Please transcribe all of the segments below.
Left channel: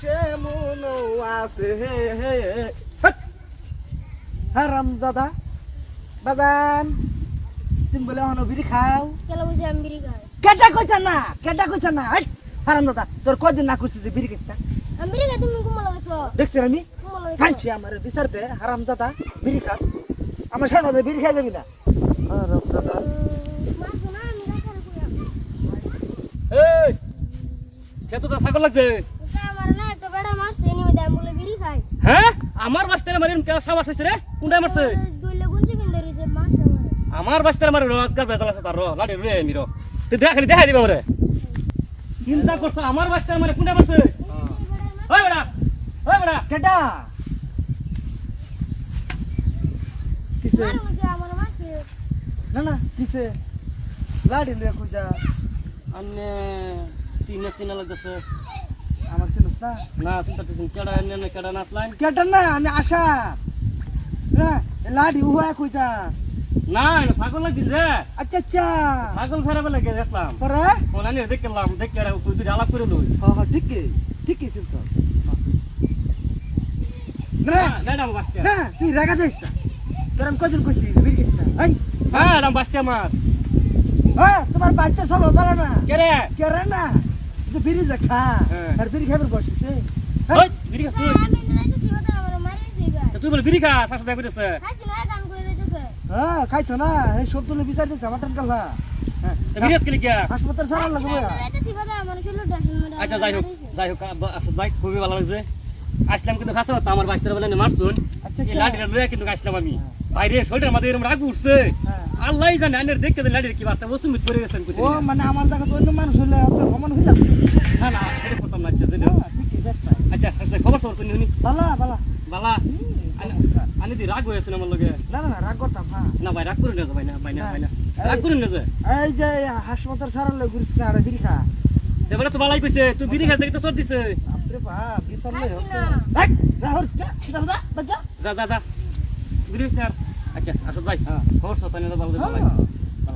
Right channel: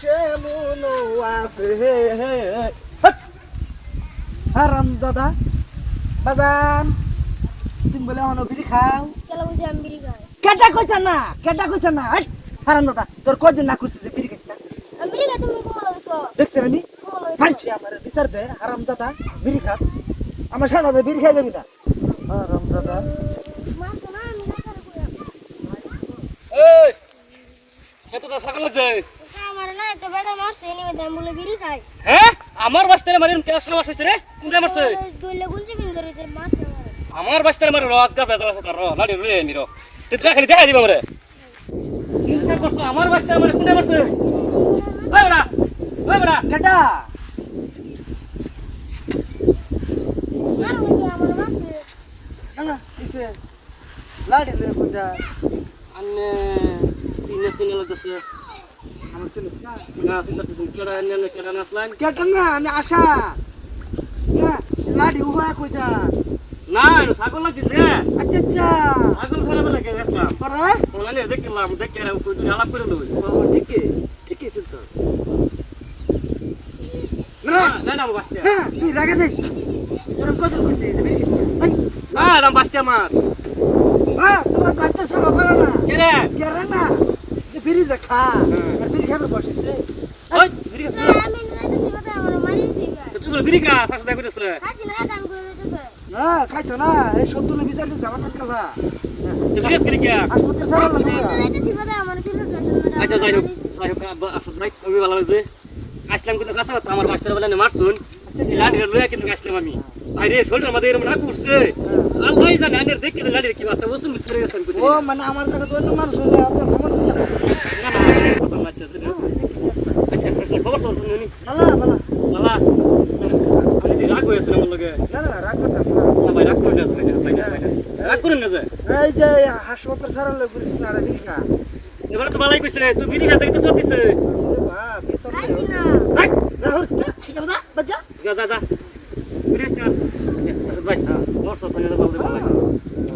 আছে। মনো আছে হারাম দাদা। বাজান তুমি বলে হনো বিড়ি খাও। কেলা আমি বিড়ি খাই কেটা কইছ না? কেটা কইছ না? হারাম দাদা তোর কদিন না করছিস যে বিড়ি খাইছিস আমি বিড়ি খাই তুমি হইছো দেখছি আমি। মানছি আমার বিচার দে হারাম দাদা বিড়ি খা। আমার সামনে দিয়ে বিড়ি খাই যাবি না? হারাম দাদা। এই খেতো তা ছাগল লাগছে। বেড়া মারছে নিবে আমি বলে বিড়ি খাই। হ্যাঁ? আমার বাস্তারে মারি কেউ সাবাস হয়েছে রে? কোনটা মারছে? দুইলে গুঞ্জি বিন ধরেছে মারছে আমার। আমার মারি রাত গা বেজাল আছে তার র লাড়ি রে মিরো। তুই দেখা খালি দেখাই দিবে আমারে। চিন্তা করছ আমার বাস্তারে মারি কোনটা মারছে? ওই বড়া ওই বড়া। কেটা মধ্যে না না কিসে লাড়ি লয়ে কইছা আন্নে সিনে সিনে লাগতেছে। না না না আমি আশা না লাড়ি উহা কইছা না ছাগল রে আচ্ছা আচ্ছা ছাগল ফেরা বেলা কে ওনালে দেখলাম দেখে করে লই বাবা ঠিকই ঠিকই চলছ না কেডা আমার বাস্তা না তুই রাগা দিস না? না হ্যাঁ তোমার বাচ্চা সব ভালো না কে রে কেরে না বিড়ি যে খা। হ্যাঁ। আর বিড়ি খাবার বসিস তুই বলে বিড়ি খা শাশুড়ি দেখা করতেছে হ্যাঁ খাইছো না? এই বিচার দিচ্ছে আমার টান আচ্ছা যাই হোক যাই হোক ভাই খুবই ভালো লাগছে আসলাম কিন্তু খাসা আমার বাচ্চারা বলে মারছুন। আচ্ছা, লাঠিটা লয়ে কিন্তু আসলাম আমি। বাইরে শরীরের মধ্যে এরকম রাগ উঠছে। আল্লাহ জানে আনের দেখতে দে লাঠির কি বার্তা ওসুম পড়ে গেছেন ও মানে আমার জায়গা তো অন্য মানুষ হলে আপনার সমান হয়ে যাবে। না না কথা না আচ্ছা দিদি। আচ্ছা আসলে খবর তো উনি। বালা বালা বালা আমি তো রাগ হয়েছে আমার লগে? না না রাগ করতাম না না ভাই রাগ করে না ভাই না ভাই না রাগ করেন না যে? এই যে হাসপাতাল সারা লোক ঘুরিস না আর বিড়ি এবারে তো বালাই কইছে তুই বিড়ি খা দেখতে চল দিছে। বাহ বিশাল খাইছি না। রাহুল যা যা যা। আচ্ছা আচ্ছা ভাই খবর তো তাহলে বলতে ভাই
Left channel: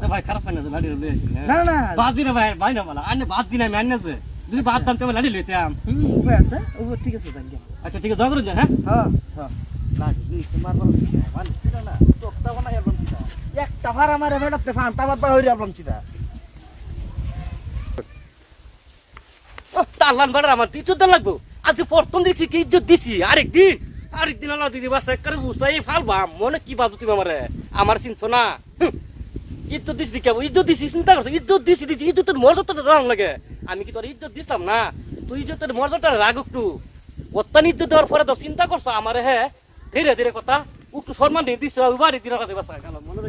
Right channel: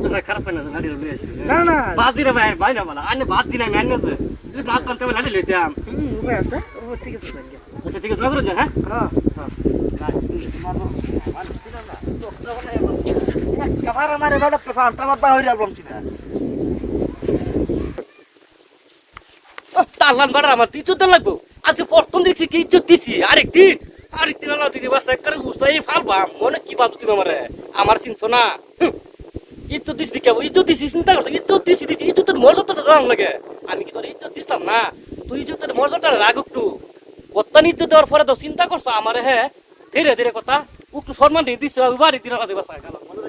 তো ভাই খারাপ না লাড়ি লই আসছি না না। বাদ দিলে ভাই ভাই না বলা। আনে বাদ দিলে আমি আনে যে। যদি বাদ দাম তবে লাড়ি লইতাম হুম উপায় আছে? ও ঠিক আছে যান আচ্ছা ঠিক আছে দগর যান হ্যাঁ? হ্যাঁ। হ্যাঁ। তোমার ছিল না। তো তখন একটা ভাড়া মারে বেড়াতে ফান তারপর বাহিরে আলবাম চিনা তাল্লান বাড়া আমার ইজ্জত দেন লাগবো। আজকে প্রথম দেখছি কি ইজ্জত দিছি। আরেকদিন আরেকদিন আল্লাহ দিদি বাস একবার ফাল বাম, মনে কি বাজু তুমি আমারে? আমার চিনছো না। ইজ্জত দিছি কেবল ইজ্জত দিছি, চিন্তা করছ? ইজ্জত দিছি দিছি, ইজ্জতের মর্যাদাটা রং লাগে। আমি কি তোর ইজ্জত দিতাম না? তুই ইজ্জতের মর্যাদাটা রাগ একটু। বর্তমান ইজ্জত দেওয়ার পরে তো চিন্তা করছ আমারে হ্যাঁ ধীরে ধীরে কথা। একটু সম্মান দিয়ে দিচ্ছে বাড়ি দিন দিবাস বাসা গেল। মনে